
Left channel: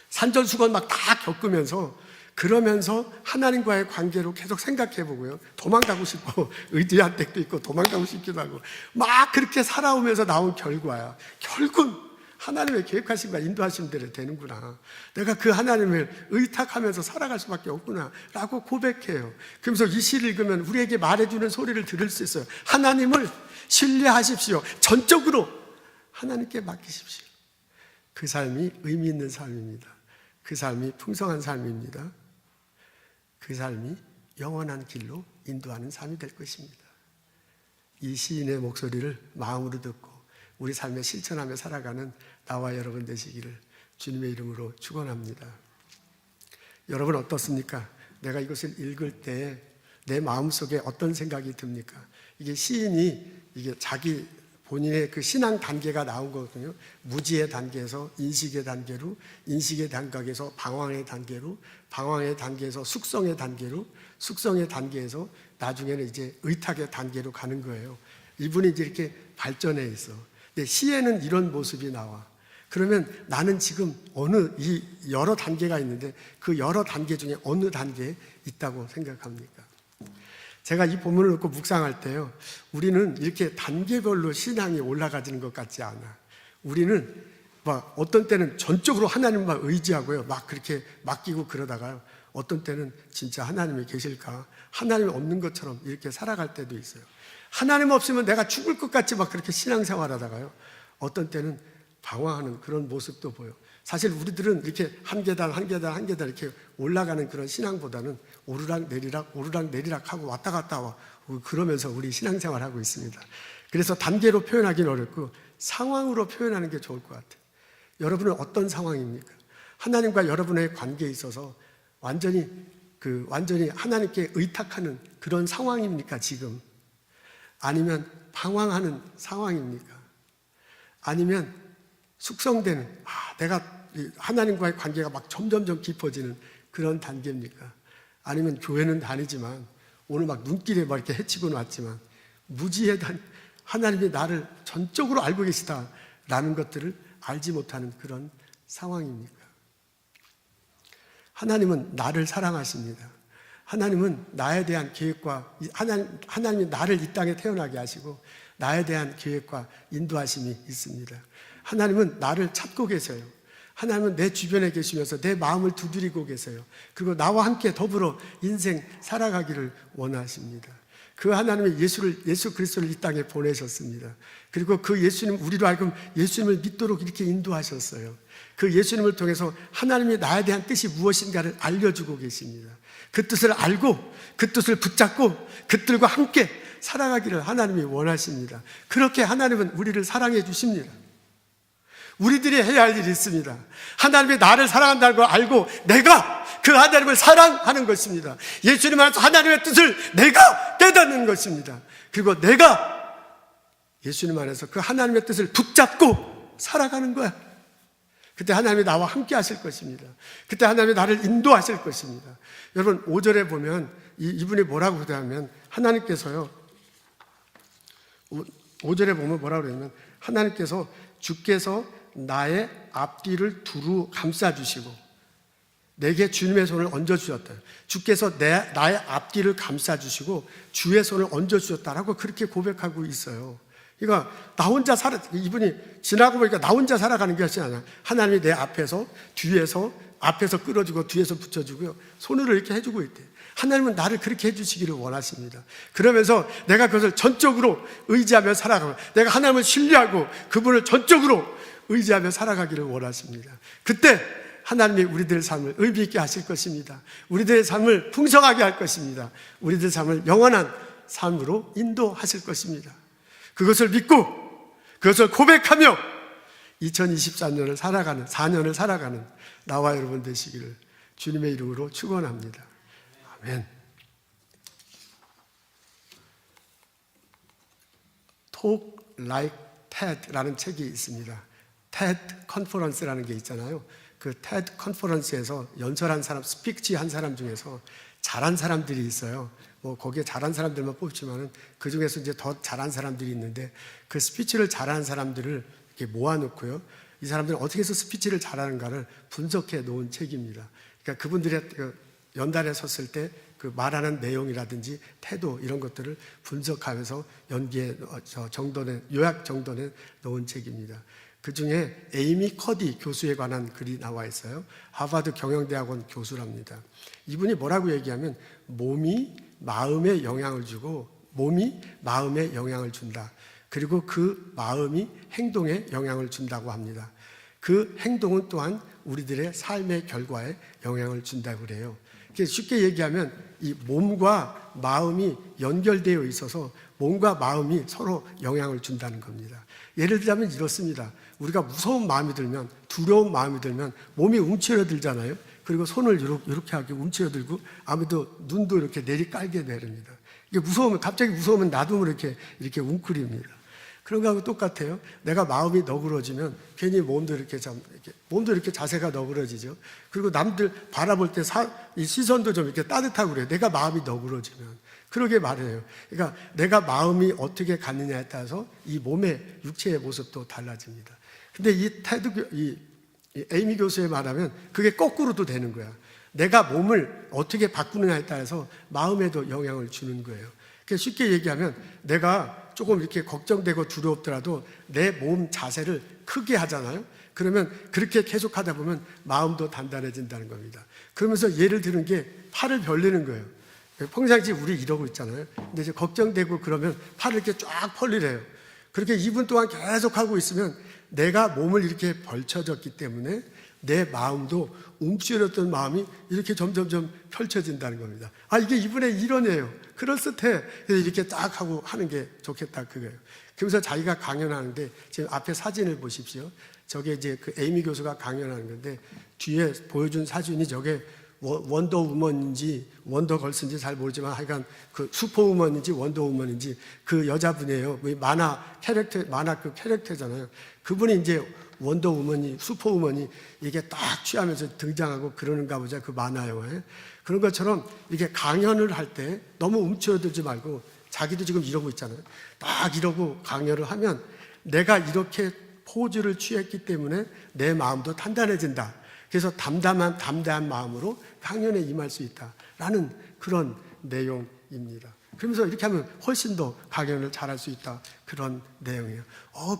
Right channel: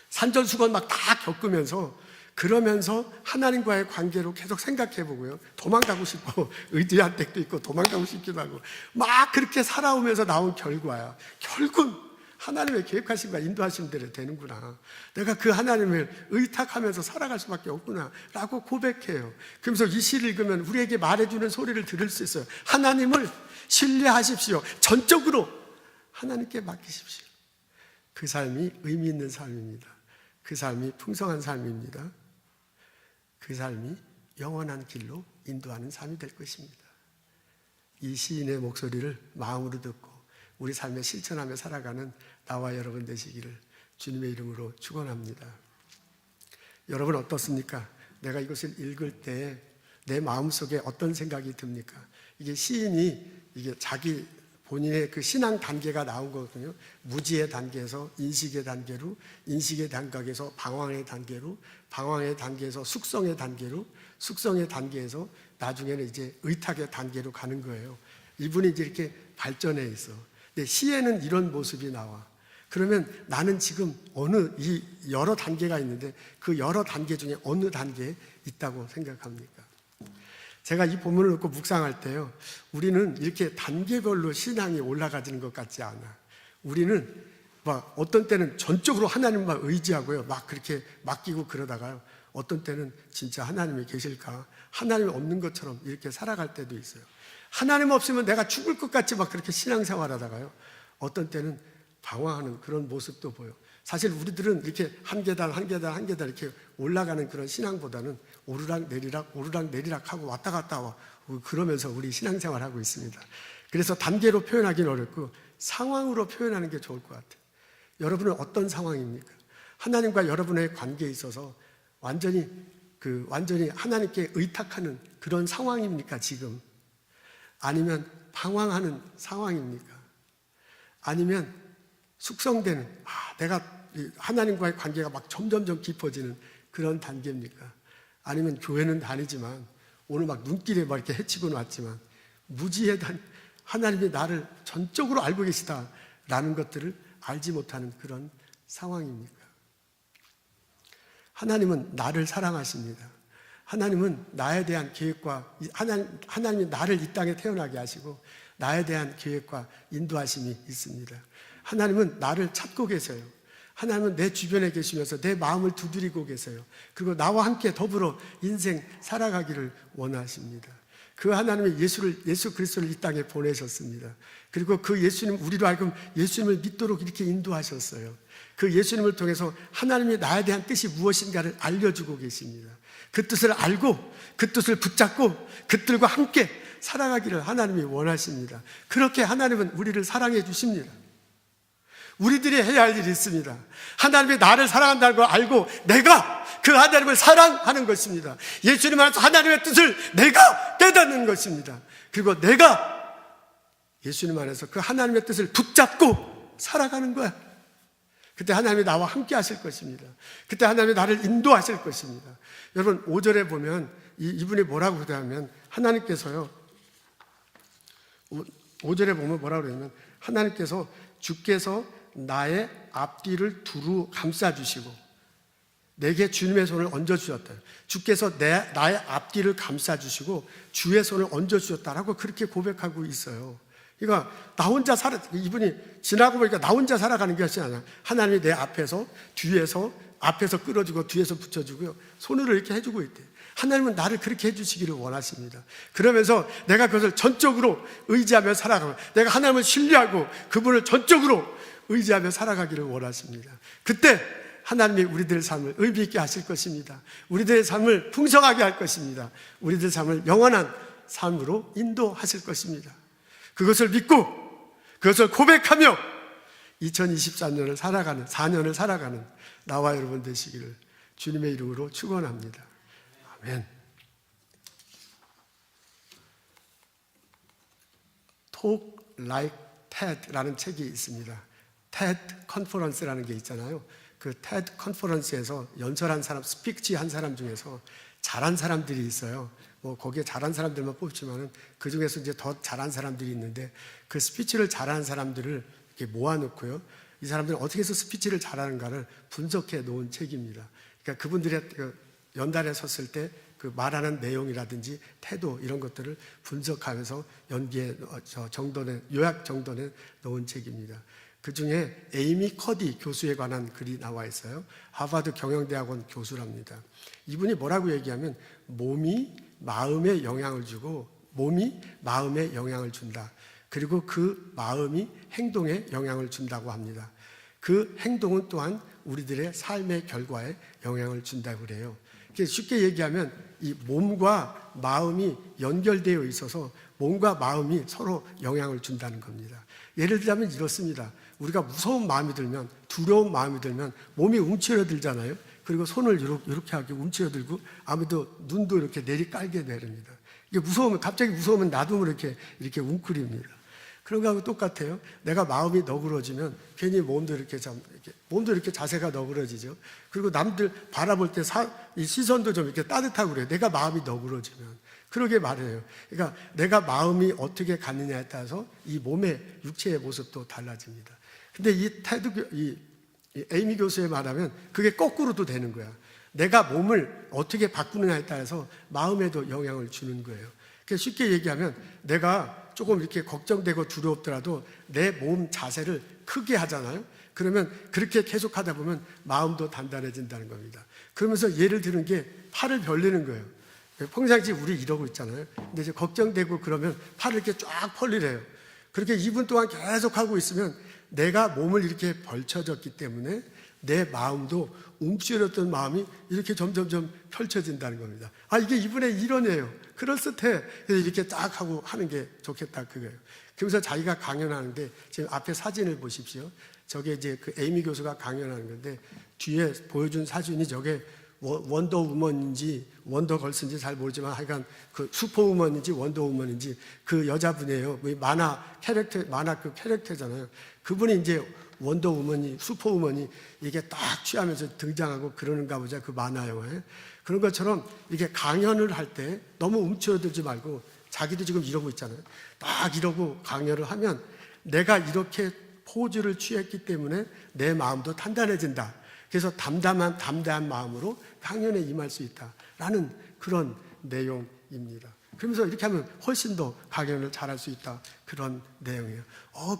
산전수건 막 다 겪으면서 그러면서 하나님과의 관계로 계속 생각해보고요. 도망가고 싶고 의지한 때도 있고 도망가고 싶기도 하고 막 그렇게 살아오면서 나온 결과야. 결국 하나님의 계획하신 바 인도하신 대로 되는구나. 내가 그 하나님을 의탁하면서 살아갈 수밖에 없구나 라고 고백해요. 그러면서 이 시를 읽으면 우리에게 말해주는 소리를 들을 수 있어요. 하나님을 신뢰하십시오. 전적으로 하나님께 맡기십시오. 그 삶이 의미 있는 삶입니다. 그 삶이 풍성한 삶입니다. 그 삶이 영원한 길로 인도하는 삶이 될 것입니다. 이 시인의 목소리를 마음으로 듣고 우리 삶에 실천하며 살아가는 나와 여러분 되시기를 주님의 이름으로 축원합니다. 여러분 어떻습니까? 내가 이것을 읽을 때 내 마음속에 어떤 생각이 듭니까? 이게 시인이 이게 자기 본인의 그 신앙 단계가 나온 거거든요. 무지의 단계에서 인식의 단계로, 인식의 단계에서 방황의 단계로, 방황의 단계에서 숙성의 단계로, 숙성의 단계에서 나중에는 이제 의탁의 단계로 가는 거예요. 이분이 이제 이렇게 발전해 있어. 근데 시에는 이런 모습이 나와. 그러면 나는 지금 이 여러 단계가 있는데 그 여러 단계 중에 어느 단계에 있다고 생각합니까? 제가 이 본문을 읽고 묵상할 때요, 우리는 이렇게 단계별로 신앙이 올라가지는 것 같지 않아. 우리는 막 어떤 때는 전적으로 하나님만 의지하고요, 막 그렇게 맡기고 그러다가요, 어떤 때는 진짜 하나님이 계실까? 하나님이 없는 것처럼 이렇게 살아갈 때도 있어요. 하나님 없으면 내가 죽을 것 같이 막 그렇게 신앙생활 하다가요. 어떤 때는 방황하는 그런 모습도 보여. 사실 우리들은 이렇게 한 계단 한 계단 한 계단 이렇게 올라가는 그런 신앙보다는 오르락 내리락 하고 왔다 갔다 와 그러면서 우리 신앙생활 하고 있습니다. 그래서 단계로 표현하기는 어렵고 상황으로 표현하는 게 좋을 것 같아요. 여러분은 어떤 상황입니까? 하나님과 여러분의 관계에 있어서 완전히 하나님께 의탁하는 그런 상황입니까, 지금? 아니면 방황하는 상황입니까? 아니면 숙성되는, 내가 하나님과의 관계가 막 점점점 깊어지는 그런 단계입니까? 아니면 교회는 다니지만, 오늘 막 눈길에 막 이렇게 헤치고 왔지만, 무지에 하나님이 나를 전적으로 알고 계시다라는 것들을 알지 못하는 그런 상황입니까? 하나님은 나를 사랑하십니다. 하나님은 나에 대한 계획과 하나님이 나를 이 땅에 태어나게 하시고 나에 대한 계획과 인도하심이 있습니다. 하나님은 나를 찾고 계세요. 하나님은 내 주변에 계시면서 내 마음을 두드리고 계세요. 그리고 나와 함께 더불어 인생 살아가기를 원하십니다. 그 하나님이 예수 그리스도를 이 땅에 보내셨습니다. 그리고 그 예수님, 우리로 하여금 예수님을 믿도록 이렇게 인도하셨어요. 그 예수님을 통해서 하나님이 나에 대한 뜻이 무엇인가를 알려주고 계십니다. 그 뜻을 알고 그 뜻을 붙잡고 그 뜻과 함께 살아가기를 하나님이 원하십니다. 그렇게 하나님은 우리를 사랑해 주십니다. 우리들이 해야 할 일이 있습니다. 하나님이 나를 사랑한다는 걸 알고 내가 그 하나님을 사랑하는 것입니다. 예수님 안에서 하나님의 뜻을 내가 깨닫는 것입니다. 그리고 내가 예수님 안에서 그 하나님의 뜻을 붙잡고 살아가는 거야. 그때 하나님이 나와 함께 하실 것입니다. 그때 하나님이 나를 인도하실 것입니다. 여러분 5절에 보면 이분이 뭐라고 그러냐면 하나님께서요. 5절에 보면 뭐라고 그러냐면 하나님께서 주께서 나의 앞뒤를 두루 감싸주시고 내게 주님의 손을 얹어주셨다. 주께서 나의 앞뒤를 감싸주시고 주의 손을 얹어주셨다라고 그렇게 고백하고 있어요. 그러니까 나 혼자 이분이 지나고 보니까 나 혼자 살아가는 것이 아니야. 하나님이 내 앞에서 앞에서 끌어주고 뒤에서 붙여주고요. 손으로 이렇게 해주고 있대요. 하나님은 나를 그렇게 해주시기를 원하십니다. 그러면서 내가 그것을 전적으로 의지하며 살아가고 내가 하나님을 신뢰하고 그분을 전적으로 의지하며 살아가기를 원하십니다. 그때 하나님이 우리들의 삶을 의미 있게 하실 것입니다. 우리들의 삶을 풍성하게 할 것입니다. 우리들의 삶을 영원한 삶으로 인도하실 것입니다. 그것을 믿고 그것을 고백하며 2024년을 살아가는 4년을 살아가는 나와 여러분 되시기를 주님의 이름으로 축원합니다. 아멘. Talk Like TED라는 책이 있습니다. TED 컨퍼런스라는 게 있잖아요. 그 TED 컨퍼런스에서 연설한 사람, 스피치 한 사람 중에서 잘한 사람들이 있어요. 뭐 거기에 잘한 사람들만 뽑지만은 그 중에서 이제 더 잘한 사람들이 있는데 그 스피치를 잘하는 사람들을 이렇게 모아놓고요. 이 사람들은 어떻게 해서 스피치를 잘하는가를 분석해 놓은 책입니다. 그러니까 그분들의 연단에 섰을 때 그 말하는 내용이라든지 태도 이런 것들을 분석하면서 연기에 요약 정돈에 놓은 책입니다. 그 중에 에이미 커디 교수에 관한 글이 나와 있어요. 하버드 경영대학원 교수랍니다. 이분이 뭐라고 얘기하면 몸이 마음에 영향을 주고 몸이 마음에 영향을 준다. 그리고 그 마음이 행동에 영향을 준다고 합니다. 그 행동은 또한 우리들의 삶의 결과에 영향을 준다고 그래요. 쉽게 얘기하면 이 몸과 마음이 연결되어 있어서 몸과 마음이 서로 영향을 준다는 겁니다. 예를 들자면 이렇습니다. 우리가 무서운 마음이 들면 두려운 마음이 들면 몸이 움츠러들잖아요. 그리고 손을 이렇게 하게 움츠러들고 아무도 눈도 이렇게 내리깔게 되랍니다. 이게 무서우면 갑자기 무서우면 놔두면 이렇게 웅크립니다. 그런 거하고 똑같아요. 내가 마음이 너그러지면 괜히 몸도 이렇게 자세가 너그러지죠. 그리고 남들 바라볼 때 이 시선도 좀 이렇게 따뜻하고 그래요. 내가 마음이 너그러지면. 그러게 말해요. 그러니까 내가 마음이 어떻게 갔느냐에 따라서 이 몸의 육체의 모습도 달라집니다. 근데 이 에이미 교수의 말하면 그게 거꾸로도 되는 거야. 내가 몸을 어떻게 바꾸느냐에 따라서 마음에도 영향을 주는 거예요. 쉽게 얘기하면 내가 조금 이렇게 걱정되고 두렵더라도 내 몸 자세를 크게 하잖아요. 그러면 그렇게 계속 하다 보면 마음도 단단해진다는 겁니다. 그러면서 예를 드는 게 팔을 벌리는 거예요. 평상시 우리 이러고 있잖아요. 근데 이제 걱정되고 그러면 팔을 이렇게 쫙 벌리래요. 그렇게 2분 동안 계속 하고 있으면 내가 몸을 이렇게 벌쳐졌기 때문에 내 마음도 움츠렸던 마음이 이렇게 점점점 펼쳐진다는 겁니다. 이게 이분의 이론이에요. 그럴듯해. 이렇게 딱 하고 하는 게 좋겠다 그거예요. 그래서 자기가 강연하는데 지금 앞에 사진을 보십시오. 저게 이제 그 에이미 교수가 강연하는 건데 뒤에 보여준 사진이 저게 원더우먼인지 원더걸스인지 잘 모르지만 하여간 그 슈퍼우먼인지 원더우먼인지 그 여자분이에요. 만화 그 캐릭터잖아요. 그분이 이제 원더우먼이 슈퍼우먼이 이게 딱 취하면서 등장하고 그러는가 보자 그 만화 영화에. 그런 것처럼 이게 강연을 할 때 너무 움츠러들지 말고 자기도 지금 이러고 있잖아요. 딱 이러고 강연을 하면 내가 이렇게 포즈를 취했기 때문에 내 마음도 단단해진다. 그래서 담대한 마음으로 강연에 임할 수 있다라는 그런 내용입니다. 그러면서 이렇게 하면 훨씬 더 강연을 잘할 수 있다. 그런 내용이에요.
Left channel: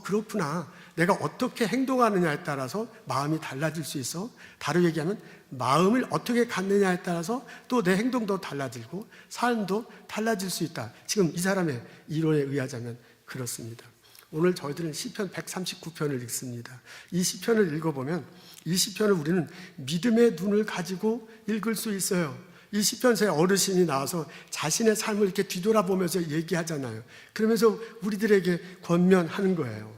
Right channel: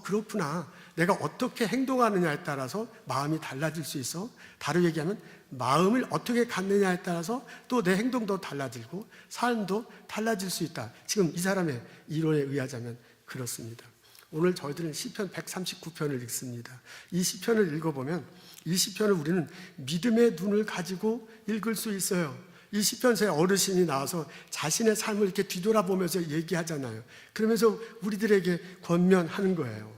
그렇구나. 내가 어떻게 행동하느냐에 따라서 마음이 달라질 수 있어. 다르게 얘기하면 마음을 어떻게 갖느냐에 따라서 또 내 행동도 달라지고 삶도 달라질 수 있다. 지금 이 사람의 이론에 의하자면 그렇습니다. 오늘 저희들은 시편 139편을 읽습니다. 이 시편을 읽어보면 이 시편을 우리는 믿음의 눈을 가지고 읽을 수 있어요. 이 시편서에 어르신이 나와서 자신의 삶을 이렇게 뒤돌아보면서 얘기하잖아요. 그러면서 우리들에게 권면하는 거예요.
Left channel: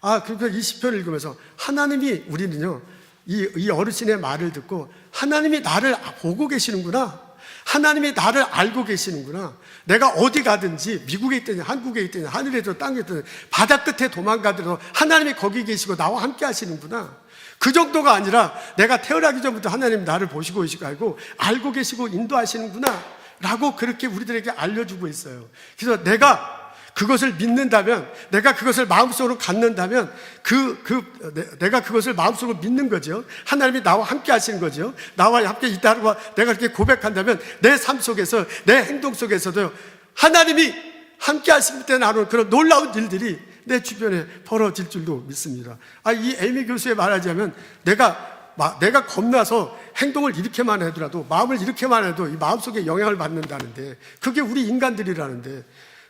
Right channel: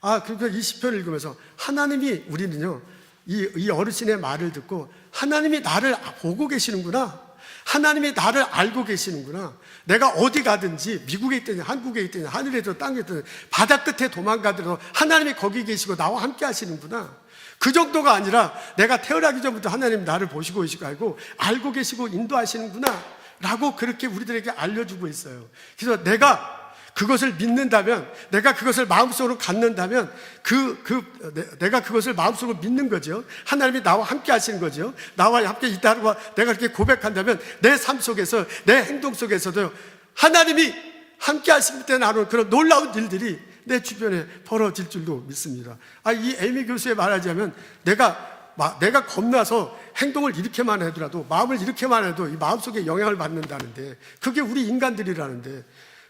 그러니까 이 시편을 읽으면서 하나님이 우리는요, 이 어르신의 말을 듣고 하나님이 나를 보고 계시는구나. 하나님이 나를 알고 계시는구나. 내가 어디 가든지 미국에 있든지 한국에 있든지 하늘에도 땅에 있든지 바다 끝에 도망가더라도 하나님이 거기 계시고 나와 함께 하시는구나. 그 정도가 아니라 내가 태어나기 전부터 하나님 나를 보시고 알고 계시고 인도하시는구나 라고 그렇게 우리들에게 알려주고 있어요. 그래서 내가 그것을 믿는다면, 내가 그것을 마음속으로 갖는다면 내가 그것을 마음속으로 믿는 거죠. 하나님이 나와 함께 하시는 거죠. 나와 함께 있다고 내가 그렇게 고백한다면 내 삶 속에서, 내 행동 속에서도 하나님이 함께 하실 때 나는 그런 놀라운 일들이 내 주변에 벌어질 줄도 믿습니다. 이 에이미 교수에 말하자면 내가 겁나서 행동을 이렇게만 하더라도, 마음을 이렇게만 해도 이 마음속에 영향을 받는다는데, 그게 우리 인간들이라는데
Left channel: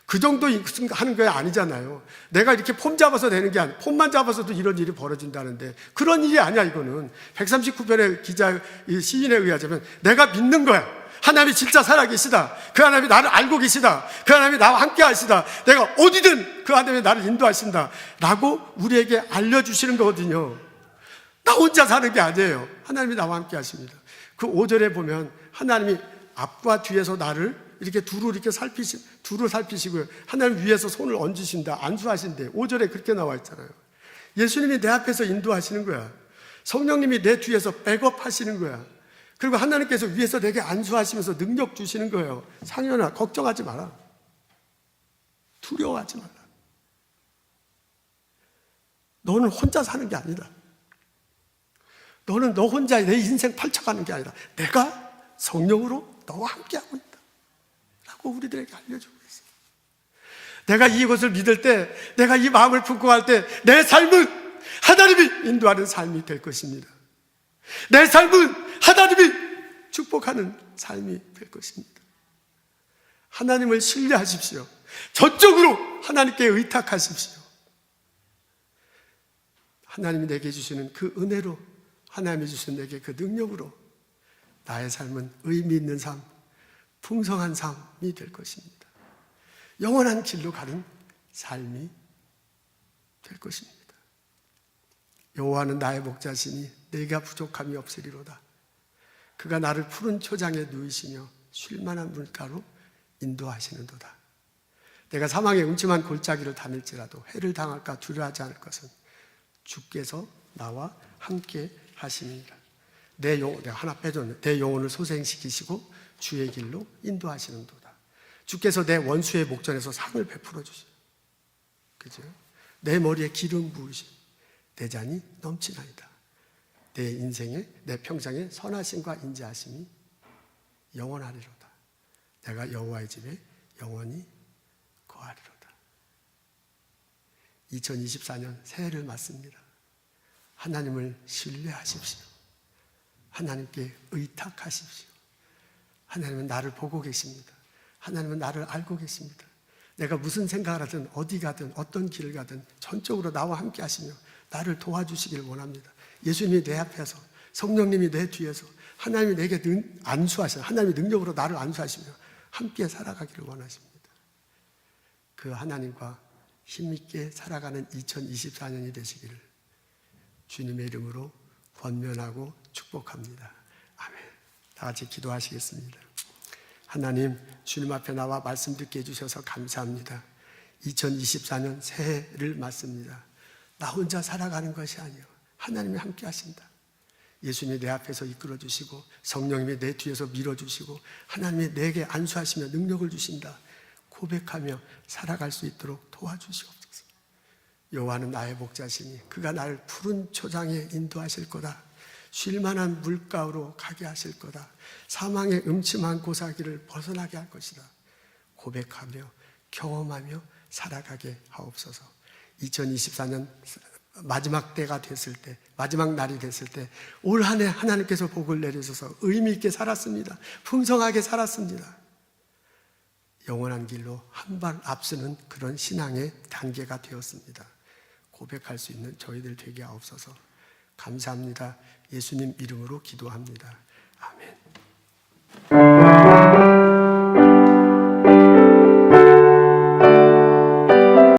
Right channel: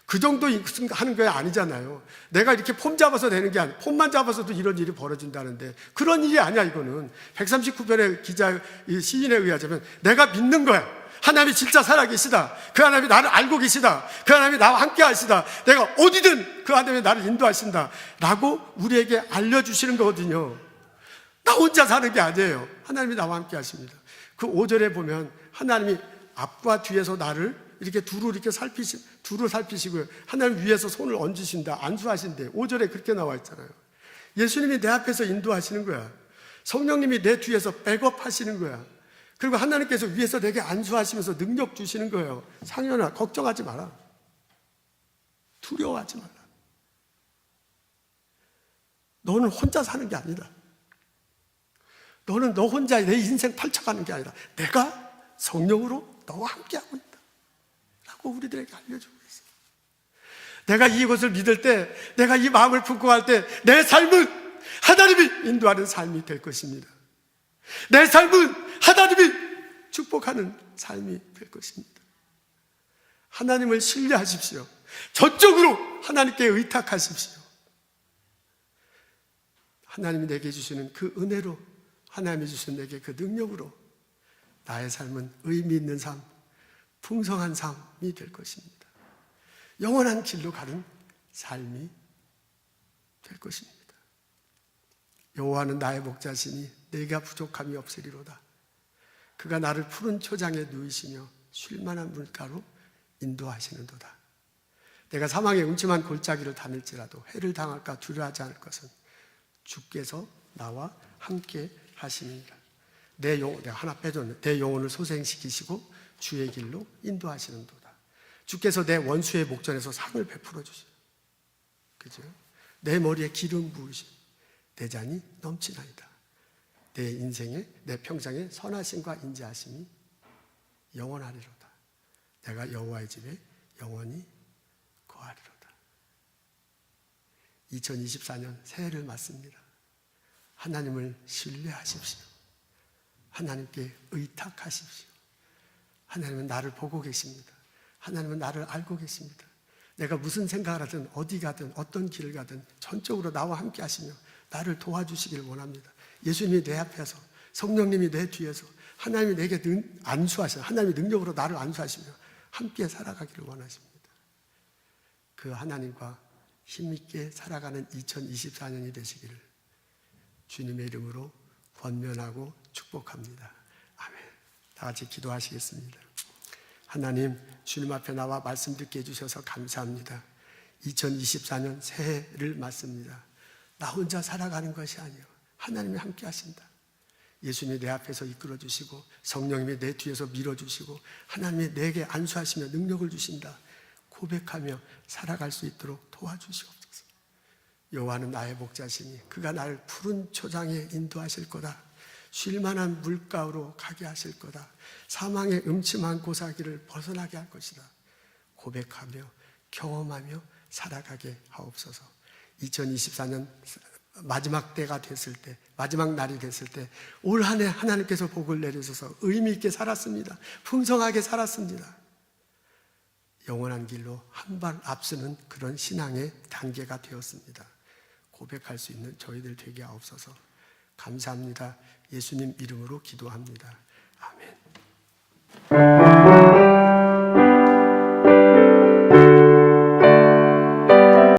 그 정도 하는 게 아니잖아요. 내가 이렇게 폼 잡아서 되는 게 아니고, 폼만 잡아서도 이런 일이 벌어진다는데 그런 일이 아니야. 이거는 139편의 이 시인에 의하자면 내가 믿는 거야. 하나님이 진짜 살아계시다. 그 하나님이 나를 알고 계시다. 그 하나님이 나와 함께 하시다. 내가 어디든 그 하나님이 나를 인도하신다 라고 우리에게 알려주시는 거거든요. 나 혼자 사는 게 아니에요. 하나님이 나와 함께 하십니다. 그 5절에 보면 하나님이 앞과 뒤에서 나를 이렇게 두루 살피시고요. 하나님 위에서 손을 얹으신다. 안수하신대. 5절에 그렇게 나와 있잖아요. 예수님이 내 앞에서 인도하시는 거야. 성령님이 내 뒤에서 백업하시는 거야. 그리고 하나님께서 위에서 내게 안수하시면서 능력 주시는 거예요. 상현아, 걱정하지 마라. 두려워하지 마라. 너는 혼자 사는 게 아니다. 너는 너 혼자 내 인생 펼쳐가는 게 아니라 내가 성령으로 너와 함께하고 있다 라고 우리들에게 알려주고 있어요. 내가 이것을 믿을 때, 내가 이 마음을 품고 할 때 내 삶은 하나님이 인도하는 삶이 될 것입니다. 내 삶은 하나님이 축복하는 삶이 될 것입니다. 하나님을 신뢰하십시오. 전적으로 하나님께 의탁하십시오. 하나님이 내게 주시는 그 은혜로, 하나님이 주신 내게 그 능력으로 나의 삶은 의미 있는 삶, 풍성한 삶이 될 것입니다. 영원한 길로 가는 삶이 될 것입니다. 여호와는 나의 목자시니 내가 부족함이 없으리로다. 그가 나를 푸른 초장에 누이시며 쉴만한 물가로 인도하시는도다. 내가 사망의 음침한 골짜기를 다닐지라도 해를 당할까 두려워하지 않을 것은 주께서 나와 함께 하시니라. 내가 하나 빼줬네. 내 영혼을 소생시키시고 주의 길로 인도하시는도다. 주께서 내 원수의 목전에서 상을 베풀어 주시고, 그죠? 내 머리에 기름 부으시고 내 잔이 넘치나이다. 내 인생에, 내 평생에 선하심과 인자하심이 영원하리로다. 내가 여호와의 집에 영원히 거하리로다. 2024년 새해를 맞습니다. 하나님을 신뢰하십시오. 하나님께 의탁하십시오. 하나님은 나를 보고 계십니다. 하나님은 나를 알고 계십니다. 내가 무슨 생각을 하든 어디 가든 어떤 길을 가든 전적으로 나와 함께 하시며 나를 도와주시길 원합니다. 예수님이 내 앞에서, 성령님이 내 뒤에서, 하나님이 내게 안수하시며 하나님의 능력으로 나를 안수하시며 함께 살아가기를 원하십니다. 그 하나님과 힘있게 살아가는 2024년이 되시기를 주님의 이름으로 권면하고 축복합니다. 아멘. 다 같이 기도하시겠습니다. 하나님, 주님 앞에 나와 말씀 듣게 해주셔서 감사합니다. 2024년 새해를 맞습니다. 나 혼자 살아가는 것이 아니요, 하나님이 함께 하신다. 예수님이 내 앞에서 이끌어 주시고 성령님이 내 뒤에서 밀어주시고 하나님이 내게 안수하시며 능력을 주신다. 고백하며 살아갈 수 있도록 도와주시옵소서. 여호와는 나의 목자시니 그가 나를 푸른 초장에 인도하실 거다. 쉴만한 물가로 가게 하실 거다. 사망의 음침한 고사기를 벗어나게 할 것이다. 고백하며 경험하며 살아가게 하옵소서. 2024년 마지막 때가 됐을 때, 마지막 날이 됐을 때 올 한 해 하나님께서 복을 내리셔서 의미 있게 살았습니다. 풍성하게 살았습니다. 영원한 길로 한 발 앞서는 그런 신앙의 단계가 되었습니다. 고백할 수 있는 저희들 되게 하옵소서. 감사합니다. 예수님 이름으로 기도합니다.